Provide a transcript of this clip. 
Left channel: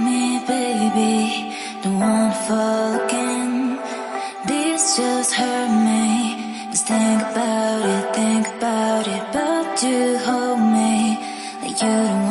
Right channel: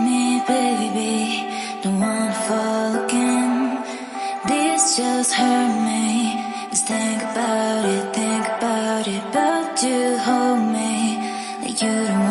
me, baby. Don't wanna fall again. This just hurt me. Just think about it, but you hold me like you don't